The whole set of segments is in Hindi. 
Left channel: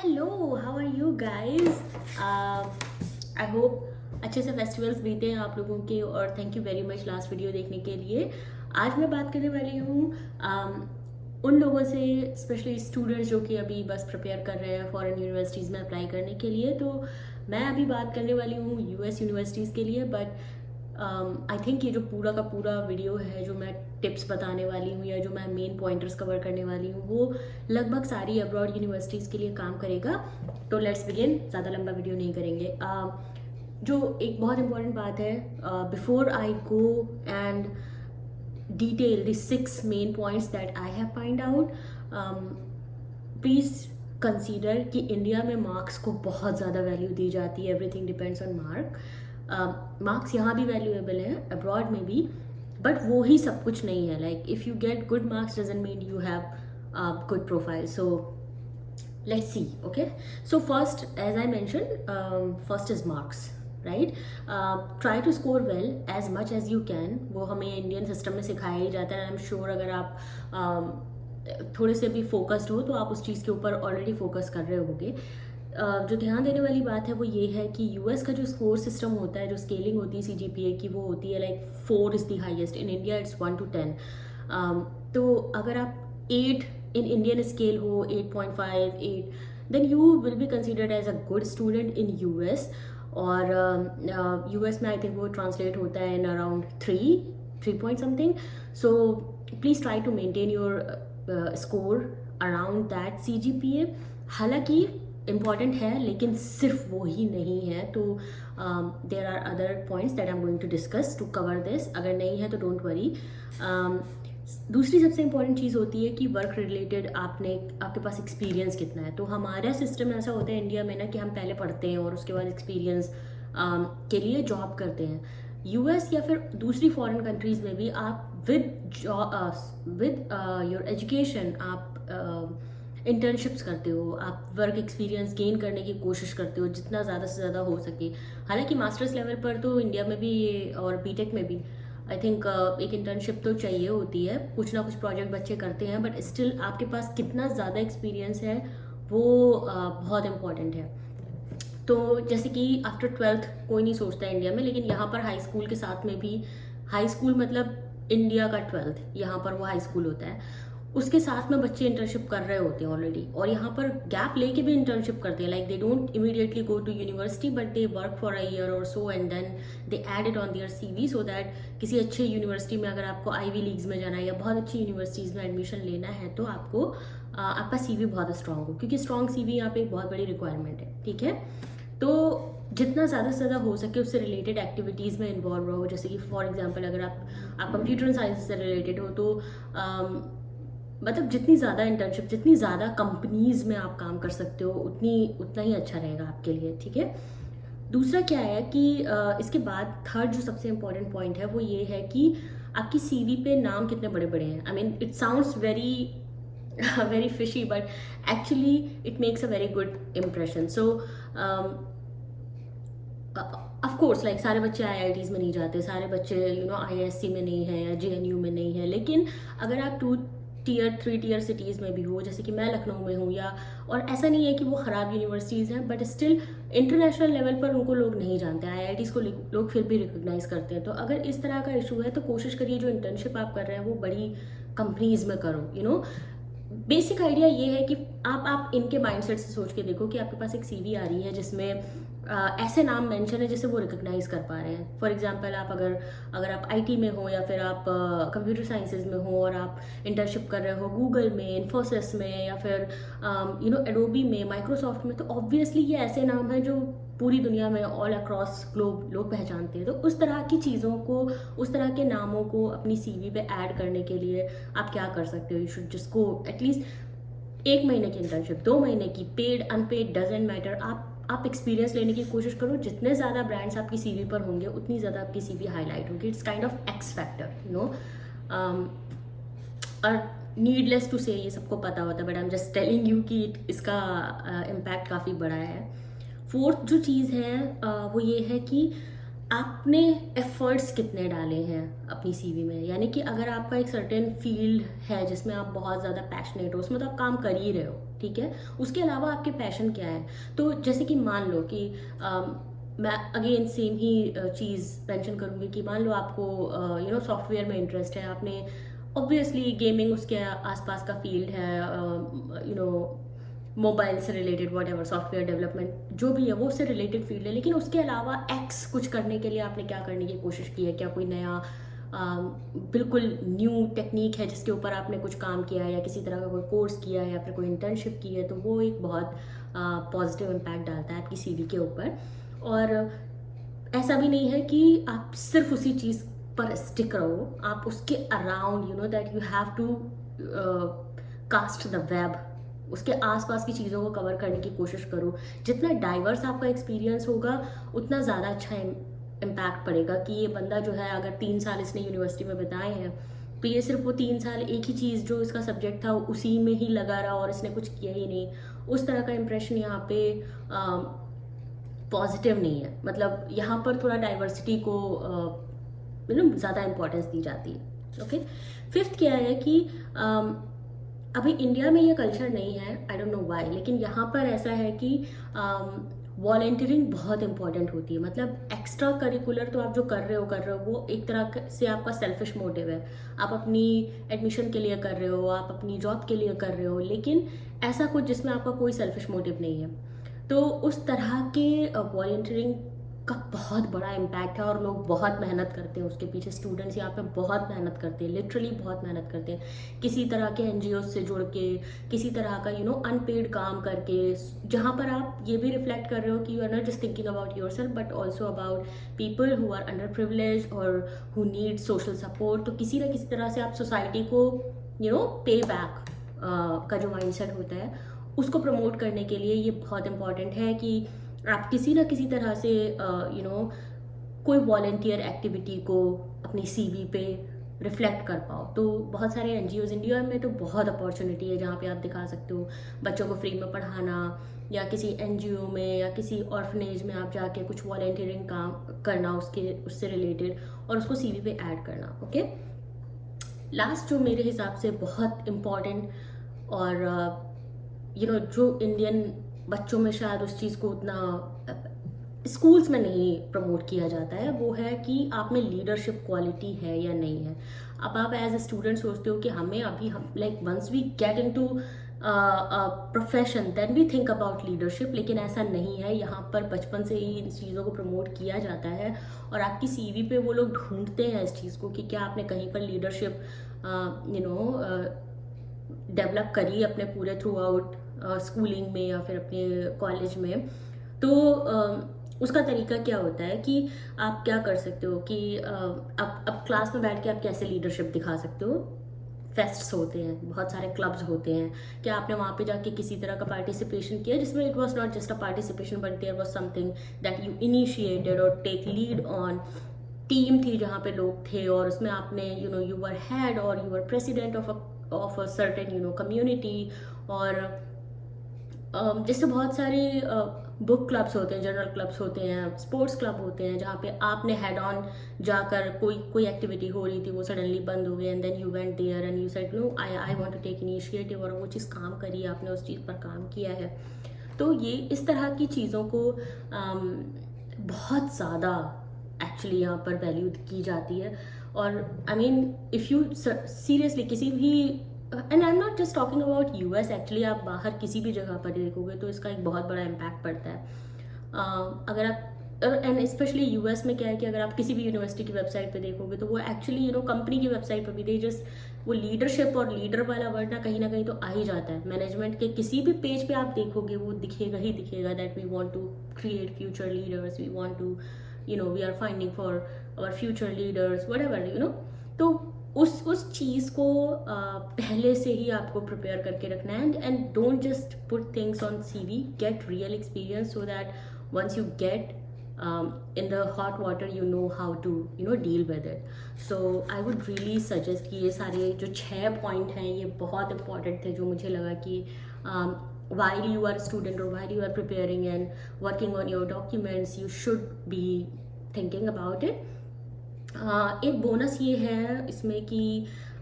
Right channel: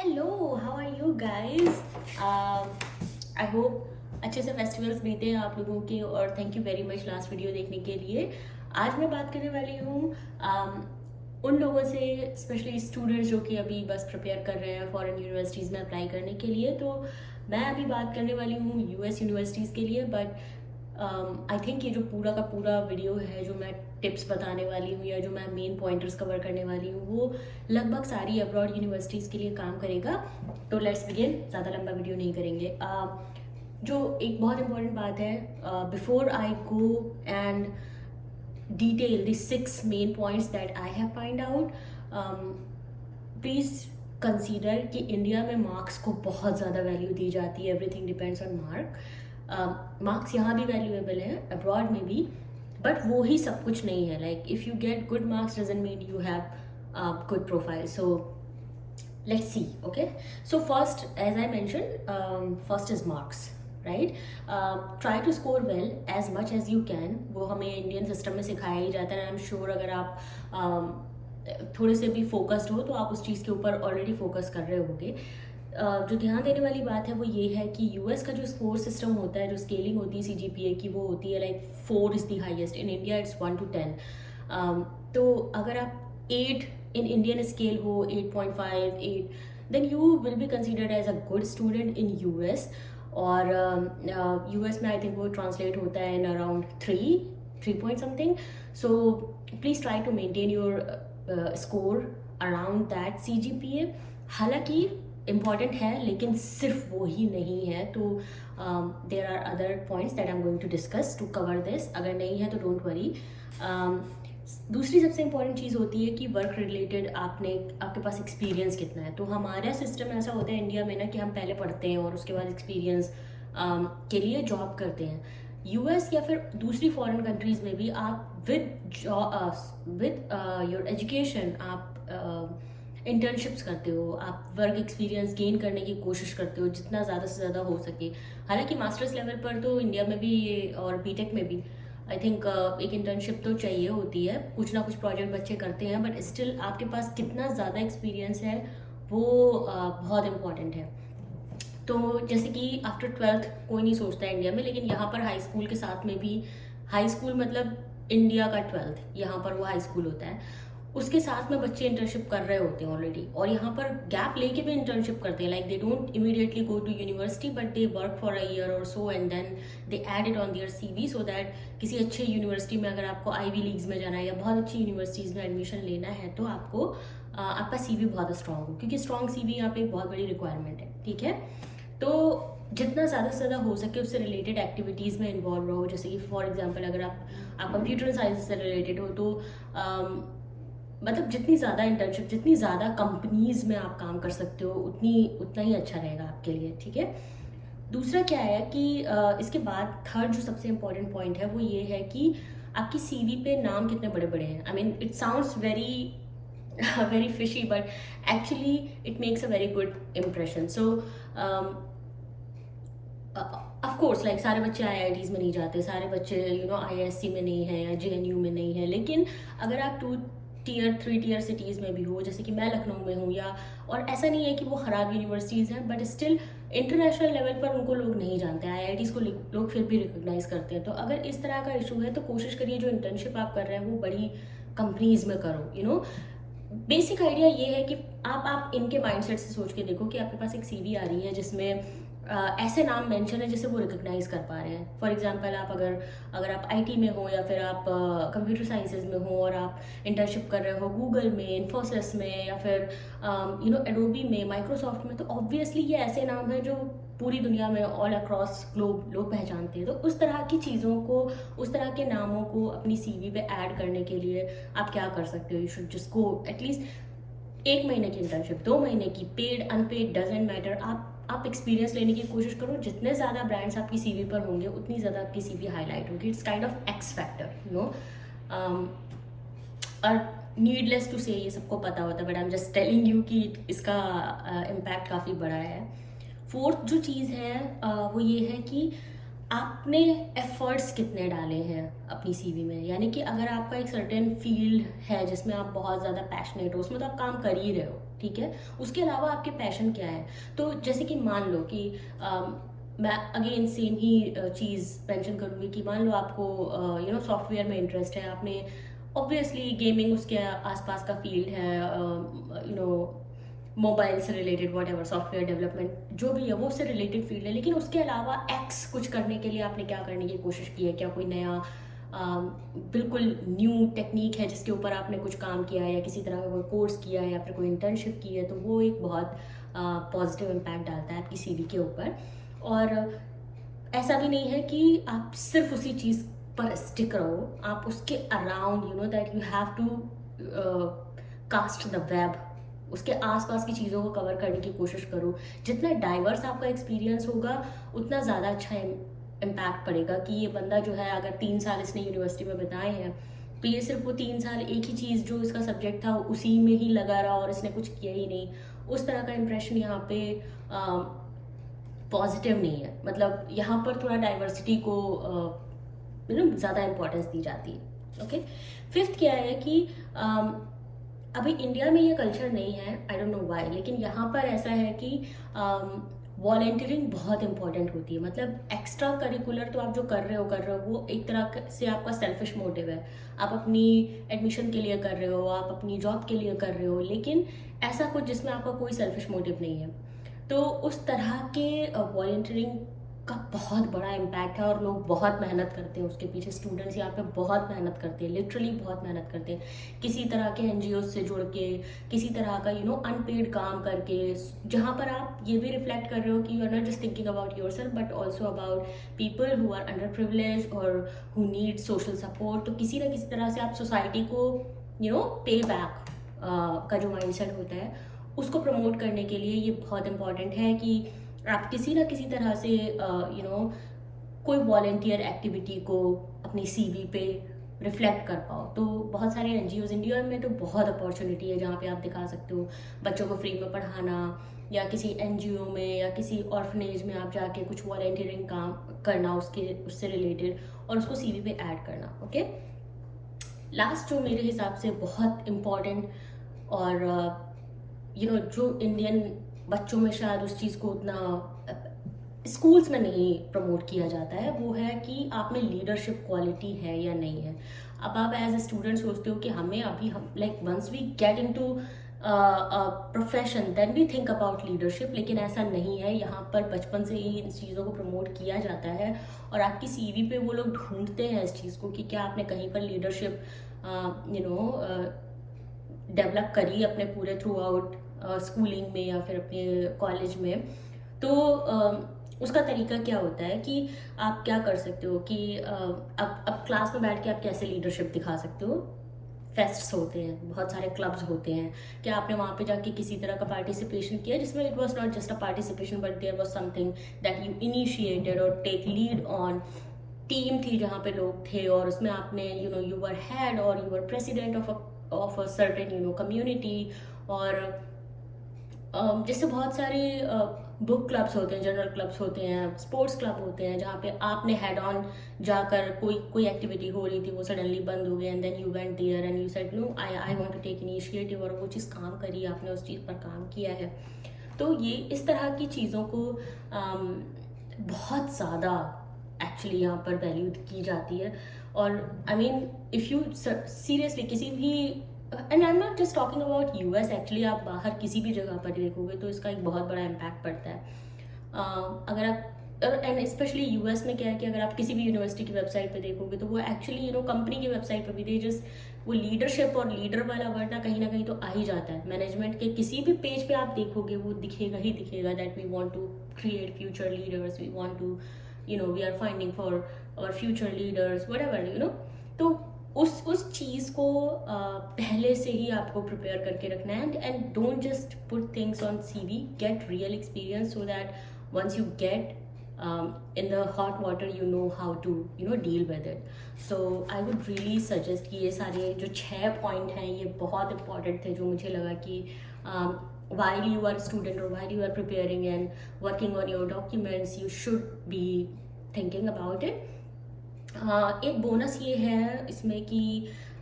Hello, how are you guys? I hope अच्छे से फेस्टिवल्स बीते हैं आप लोगों के, और thank you very much last video देखने के लिए। आज मैं बात करने वाली हूँ उन लोगों से, स्पेशली स्टूडेंट्स जो कि अभी बस प्रिपेयर कर रहे हैं फॉरेन यूनिवर्सिटीज़ में अप्लाई करने के लिए। तो मैं अभी बात करने वाली हूँ यूएस यूनिवर्सिटीज़ के लिए, बट आई थिंक ये जो पूरा का पूरा वीडियो है, जो मैं टिप्स बताने वाली हूँ या जो मैं मेन पॉइंटर्स कवर करने वाली हूँ, वो लगभग सारी अब्रॉड यूनिवर्सिटीज़ के लिए काम करेगा। तो लेट्स बिगिन, ज़्यादा लंबा वीडियो नहीं करेंगे। जो एक बहुत इंपॉर्टेंट बात है, before I go and detail the 6 main points that I have find out, please consider कि इंडिया में मार्क्स को बहुत ज़्यादा वैल्यू दी जाती है। Everything depends on mark. Marks यहाँ भी वैल्यूएबल है, अब्रॉड में भी, बट वो ही सब कुछ नहीं है। Like if you get good marks doesn't mean you have good profile. So let's see. Okay, so first, as I mentioned, first is marks, right? Try to score well as much as you can. वो हमें इंडियन सिस्टम में सिखाया ही जाता है। आई एम श्योर अगर आप थोड़े से भी फोकस्ड हो तो आप उस चीज़ के ऊपर ऑलरेडी फोकस कर रहे होगे। जो ध्यान देने वाली बात है वो ये है कि यूएस का जो स्कोर सिस्टम होता है, जो स्केलिंग होती है सीजीपीए की, वो होती है like 4 is the highest. In India it's 1 to 10। तो अगर आप 8 in Indian scale हो, 8.5, 8, then you will be considered as a good student in US। और US में I think वो translate होता है in around 3 point something। So please try to maintain your score around that CGPA। हालांकि important है, लेकिन सिर्फ वो ही नहीं है। तो there are other points that I'm going to discuss to cover this। अगर नहीं है तो don't worry। दूसरी सबसे इम्पॉर्टेंट चीज़ होती है कि वर्क रिलेटेड आपके पास एक्सपीरियंस कितना है। तो हमारा सिस्टम ऐसा होता है इंडिया में ना कि हम पहले पढ़ते हैं और उसके बाद एक्सपीरियंस के लिए जॉब करते हैं। यूएस या फिर दूसरी फॉरेन कंट्रीज़ में भी आप विद योर एजुकेशन आप इंटर्नशिप्स करते हो, आप वर्क एक्सपीरियंस गेन करने की कोशिश करते हो जितना ज़्यादा से ज़्यादा हो सके। हालांकि मास्टर्स लेवल पर तो इंडिया में भी और बीटेक में भी आई थिंक एक इंटर्नशिप तो चाहिए होती है, कुछ ना कुछ प्रोजेक्ट बच्चे करते हैं, बट स्टिल आपके पास कितना ज़्यादा एक्सपीरियंस है वो बहुत इम्पॉर्टेंट है। तो जैसे कि आफ्टर 12th कोई नहीं सोचता है इंडिया में, लेकिन यहाँ पर हाई स्कूल के साथ में भी, हाई स्कूल मतलब इंडिया का 12th, यहाँ पर वो हाई स्कूल होता है, उसके साथ में बच्चे इंटर्नशिप कर रहे होते हैं ऑलरेडी। और यहाँ पर गैप लेके भी इंटर्नशिप करते हैं। Like they don't immediately go to university, but they work for a year और so and then they add it on their CV, so that किसी अच्छे यूनिवर्सिटी में अगर आपको आईवी लीग्स में जाना है या बहुत अच्छी यूनिवर्सिटीज़ में एडमिशन लेना है तो आपको आपका सीवी बहुत स्ट्रांग हो, क्योंकि स्ट्रांग सीवी यहाँ पे एक बहुत बड़ी रिक्वायरमेंट है। ठीक है, तो जितना ज़्यादा से ज़्यादा हो सके उससे रिलेटेड एक्टिविटीज़ में इन्वॉल्व रहो। जैसे कि फॉर एग्जांपल अगर आप कंप्यूटर साइंस से रिलेटेड हो तो मतलब जितनी ज़्यादा इंटर्नशिप, जितनी ज़्यादा कंपनीज़ में आप काम कर सकते हो उतना ही अच्छा रहेगा आपके लिए। ठीक है, दूसरा क्या है कि इसके बाद थर्ड जो सबसे इम्पोर्टेंट पॉइंट है वो ये है कि आपकी सीवी पे नाम कितने बड़े बड़े हैं। I mean it sounds very very fishy, but actually it makes a very good impression. So of course like सारे बच्चे आईआईटीज़ में नहीं जाते, सारे बच्चे आईआईएससी में नहीं है या जेएनयू में नहीं है, लेकिन अगर आप 2 टियर 3 टियर सिटीज़ में भी हो, जैसे कि मैं लखनऊ में हूँ, या और ऐसा नहीं है कि वो ख़राब यूनिवर्सिटीज़ हैं, बट स्टिल इंटरनेशनल लेवल पर उनको लोग नहीं जानते, आईआईटीज़ को लोग फिर भी रिकॉग्नाइज करते हैं। तो अगर इस तरह का इशू है तो कोशिश करिए जो इंटर्नशिप आप कर रहे हैं वो बड़ी कंपनीज़ में करो। बेसिक आइडिया ये है कि आप इनके माइंडसेट से सोच के देखो कि आपके पास एक सीवी आ रही है जिसमें ऐसे नाम मेंशन है जिसे वो रिकॉग्नाइज कर पा रहे हैं। फॉर एग्जांपल आप अगर आप आईटी में हो या फिर आप कंप्यूटर साइंसेज में हो और आप इंटर्नशिप कर रहे हो गूगल में, इन्फोसिस में, या फिर एडोबी में, माइक्रोसॉफ्ट में, तो ऑब्वियसली ये ऐसे नाम हैं जो पूरी दुनिया में ऑल अक्रॉस ग्लोब लोग पहचानते हैं। तो उस तरह की चीज़ों को, उस तरह के नामों को अपनी सीवी पे ऐड करने के लिए आप क्या कर सकते हो? You should just go at least 1 महीने की इंटर्नशिप, 2 महीने की, पेड अनपेड डजंट मैटर। आप एक्सपीरियंस लेने की कोशिश करो। जितने ज़्यादा ब्रांड्स आपकी सीवी पर होंगे उतनी ज़्यादा आपकी सीवी हाईलाइट होगी। It's kind of x factor, और नीडलेस टू से ये सबको पता होता है, but I am just telling you कि इसका इम्पैक्ट काफ़ी बड़ा है। फोर्थ जो चीज़ है वो ये है कि आपने एफर्ट्स कितने डाले हैं अपनी सीवी में। यानी कि अगर आपका एक सर्टेन फील्ड है जिसमें आप बहुत ज़्यादा पैशनेट हो, उसमें तो आप काम कर ही रहे हो, ठीक है, उसके अलावा आपके पैशन क्या है। तो जैसे कि मान लो कि मैं अगेन सेम ही चीज़ मेंशन करूँगी कि मान लो आपको सॉफ्टवेयर में इंटरेस्ट है, आपने ऑब्वियसली गेमिंग उसके आसपास का फील्ड है, मोबाइल से related what ever software development जो भी है वो उससे रिलेटेड फील्ड है, लेकिन उसके अलावा एक्स कुछ करने के लिए आपने क्या करने की कोशिश की है, क्या कोई नया बिल्कुल न्यू टेक्निक है जिसके ऊपर आपने कुछ काम किया है या किसी तरह का कोई कोर्स किया है या फिर कोई इंटर्नशिप की है, तो वो एक बहुत पॉजिटिव इम्पैक्ट डालता है आपकी सीवी के ऊपर। और ऐसा भी नहीं है कि आप सिर्फ उसी चीज़ पर स्टिक रहो, आप उसके around that you have to cast the web, उसके आसपास की चीज़ों को कवर करने की कोशिश करो। जितना डाइवर्स आपका एक्सपीरियंस होगा उतना ज़्यादा अच्छा इम्पैक्ट पड़ेगा कि ये बंदा जो है अगर 3 साल इसने यूनिवर्सिटी में बिताए हैं तो ये सिर्फ वो 3 साल एक ही चीज़ जो इसका सब्जेक्ट था उसी में ही लगा रहा और इसने कुछ किया ही नहीं, उस तरह का इम्प्रेशन यहाँ पे पॉजिटिव नहीं है। मतलब यहाँ पर थोड़ा डाइवर्सिटी को ज़्यादा इम्पोर्टेंस दी जाती है। ओके, फिफ्थ क्या है कि अभी इंडिया में ये कल्चर नहीं है, आई डोंट नो व्हाई, लेकिन यहाँ पर ऐसा है कि वॉलेंटियरिंग बहुत इंपॉर्टेंट होती है। मतलब एक्स्ट्रा करिकुलर तो आप जो कर रहे हो वो एक तरह से आपका सेल्फिश मोटिव है, आप अपनी एडमिशन के लिए कर रहे हो, आप अपनी जॉब के लिए कर रहे हो, लेकिन ऐसा कुछ जिसमें आपका कोई सेल्फिश मोटिव नहीं है। तो उस तरह के वॉलेंटियरिंग का बहुत बड़ा इम्पैक्ट है और लोग बहुत मेहनत करते हैं उसके पीछे। स्टूडेंट्स यहाँ पे बहुत मेहनत करते हैं, लिटरली बहुत मेहनत करते हैं, किसी तरह के एनजीओ से जुड़ के, किसी तरह का अनपेड काम करके, जहाँ पर आप ये भी रिफ्लेक्ट कर रहे हो कि you are not just thinking about yourself but also about people who are under privilege और हु नीड सोशल सपोर्ट। तो किसी ना किसी तरह से आप सोसाइटी को पे बैक का जो माइंडसेट होता है उसको प्रमोट करने के लिए ये बहुत इंपॉर्टेंट है कि आप किसी ना किसी तरह से कोई वॉलेंटियर एक्टिविटी को अपनी सीवी पे रिफ्लेक्ट कर पाओ। तो बहुत सारे एनजीओज इंडिया में तो बहुत अपॉर्चुनिटी है जहाँ पे आप दिखा सकते हो बच्चों को फ्री में पढ़ाना, या किसी एनजीओ में या किसी ऑर्फनेज में आप जाके कुछ वॉलेंटियरिंग काम करना उससे रिलेटेड और उसको सीवी पे ऐड करना। ओके, लास्ट जो मेरे हिसाब से बहुत इम्पॉर्टेंट और जो इंडियन बच्चों में शायद उस चीज़ को उतना स्कूल्स में नहीं प्रमोट किया जाता है, वो है कि आप में लीडरशिप क्वालिटी है या नहीं है। अब आप एज ए स्टूडेंट सोचते हो कि हमें अभी हम like once we get into profession then we think about leadership, लेकिन ऐसा नहीं है। यहाँ पर बचपन से ही इन चीज़ों को प्रमोट किया जाता है और आपकी सीवी पे वो लोग ढूंढते हैं इस चीज़ को कि क्या आपने कहीं पर लीडरशिप डेवलप करी अपने पूरे थ्रू आउट स्कूलिंग में या फिर अपने कॉलेज में। तो उसका तरीका क्या होता है कि आप क्या कर सकते हो कि अब क्लास में बैठ के आप कैसे लीडरशिप दिखा सकते हो। फेस्ट्स होते हैं, बहुत सारे क्लब्स होते हैं, क्या आपने वहाँ पे जाके किसी तरह का पार्टिसिपेशन किया जिसमें it was not just a participation but there was something that you initiated और टेक लीड ऑन। टीम थी जहाँ पे लोग थे और उसमें आपने यू वर हेड और you were president of a certain community. और जैसे बहुत सारे बुक क्लब्स होते हैं, जनरल क्लब्स होते हैं, स्पोर्ट्स क्लब होते हैं जहाँ पे आपने हेड ऑन जाकर कोई एक्टिविटी हो रही थी वो सडनली बंद हो गई and then you went there and you said no I want to take initiative और वो चीज़ काम करी, आपने उस चीज़ पर काम किया है। तो ये इस तरह की चीज़ों को बहुत ज़्यादा एक्चुअली यहाँ पर वैल्यू की जाती है। और I mean if you seriously किसी भी, and I am not just talking about US, actually आप बाहर किसी भी जगह पर देखोगे तो इसका एक बहुत बड़ा इम्पैक्ट पड़ता है। अगर आप एंड स्पेशली यूएस में क्या है कि अगर आप किसी भी यूनिवर्सिटी की वेबसाइट पे देखोगे तो वो एक्चुअली कंपनी की वेबसाइट पर भी दे जस्ट वो लीडरशिप और लीडर वाला वर्ड ना कहीं तो आ ही जाता है। मैनेजमेंट के किसी भी पेज पे आप देखोगे वो दिखेगा ही दिखेगा that we want to create future leaders, we want to we are finding for our future leaders whatever. तो उस चीज़ को पहले से ही आपको प्रिपेयर करके रखना है and don't just put things on CV, get real experience so that once you get in the hot water you know how to deal with it. So I would really suggest कि ये सारे जो 6 पॉइंट हैं ये बहुत इंपॉर्टेंट थे जो मुझे लगा कि while you are a student or while you are preparing and working on your documents you should be thinking about it. एक बोनस ये है इसमें कि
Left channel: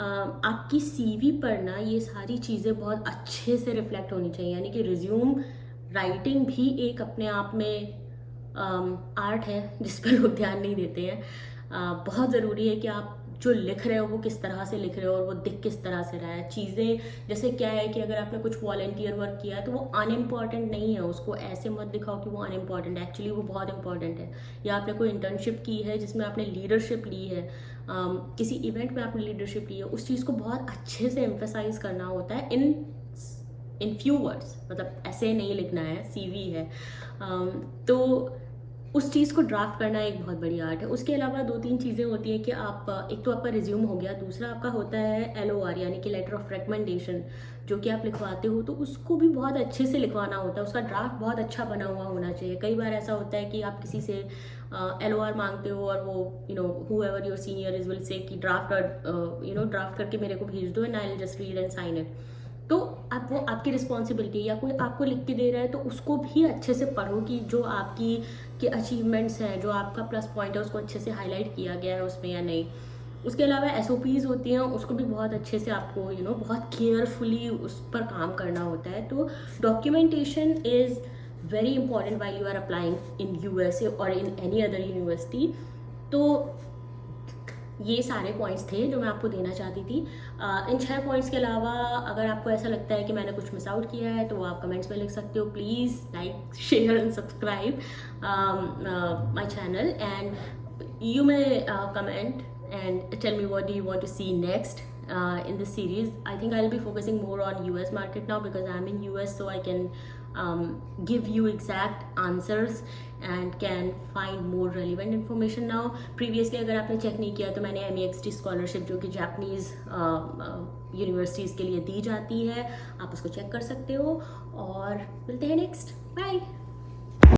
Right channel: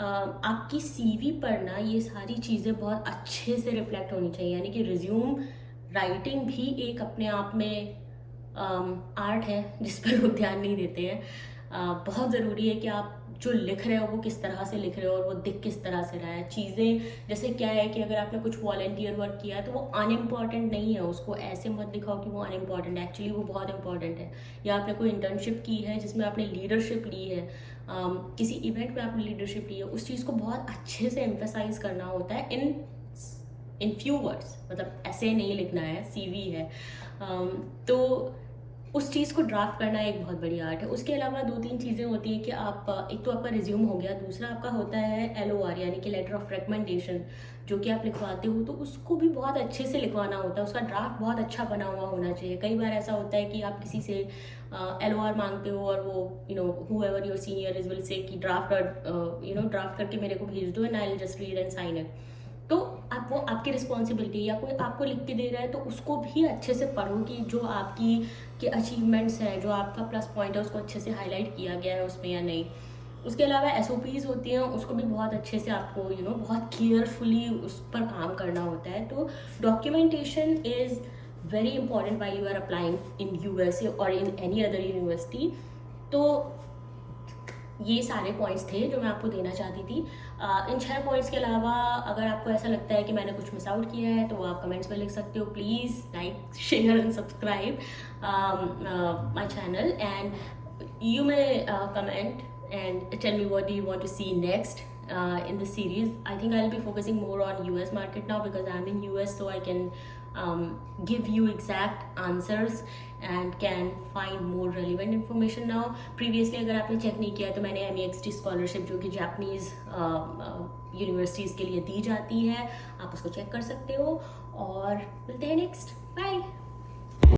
आपकी सीवी पर ना ये सारी चीज़ें बहुत अच्छे से रिफ्लेक्ट होनी चाहिए, यानी कि रिज्यूम राइटिंग भी एक अपने आप में आर्ट है जिस पर लोग ध्यान नहीं देते हैं। बहुत ज़रूरी है कि आप जो लिख रहे हो वो किस तरह से लिख रहे हो और वो दिख किस तरह से रहा है। चीज़ें जैसे क्या है कि अगर आपने कुछ वॉलंटियर वर्क किया है तो वो अनइम्पॉर्टेंट नहीं है, उसको ऐसे मत दिखाओ कि वो अनइम्पॉर्टेंट है, एक्चुअली वो बहुत इंपॉर्टेंट है। या आपने कोई इंटर्नशिप की है जिसमें आपने लीडरशिप ली है, किसी इवेंट में आपने लीडरशिप ली है, उस चीज़ को बहुत अच्छे से एम्फेसाइज करना होता है इन फ्यू वर्ड्स, मतलब ऐसे नहीं लिखना है, सीवी है। तो उस चीज़ को ड्राफ्ट करना एक बहुत बड़ी आर्ट है। उसके अलावा 2-3 चीज़ें होती हैं कि आप, एक तो आपका रिज्यूम हो गया, दूसरा आपका होता है LOR यानी कि लेटर ऑफ रिकमेंडेशन, जो कि आप लिखवाते हो तो उसको भी बहुत अच्छे से लिखवाना होता है, उसका ड्राफ्ट बहुत अच्छा बना हुआ होना चाहिए। कई बार ऐसा होता है कि आप किसी से LOR मांगते हो और वो whoever your senior is will say कि ड्राफ्ट करके मेरे को भेज दो and I will just read and sign it. तो आप, वो आपकी रिस्पॉन्सिबिलिटी है, या कोई आपको लिख के दे रहा है तो उसको भी अच्छे से पढ़ो कि जो आपकी के अचीवमेंट्स हैं, जो आपका प्लस पॉइंट है, उसको अच्छे से हाईलाइट किया गया है उसमें या नहीं। उसके अलावा SOPs होती हैं, उसको भी बहुत अच्छे से आपको बहुत केयरफुली उस पर काम करना होता है। तो documentation is very important while you are applying in USA और इन एनी अदर यूनिवर्सिटी। तो ये सारे पॉइंट्स थे जो मैं आपको देना चाहती थी। इन 6 पॉइंट्स के अलावा अगर आपको ऐसा लगता है कि मैंने कुछ मिस आउट किया है तो आप कमेंट्स में लिख सकते हो। Please like, share and subscribe my channel, and you may comment and tell me what do you want to see next in this series. I think I'll be focusing more on US market now because I'm in US, so I can give you exact answers and can find more relevant information now. Previously अगर आपने चेक नहीं किया तो मैंने MEXT स्कॉलरशिप, जो कि जापानीज़ यूनिवर्सिटीज़ के लिए दी जाती है, आप उसको चेक कर सकते हो। और मिलते हैं नेक्स्ट, बाय।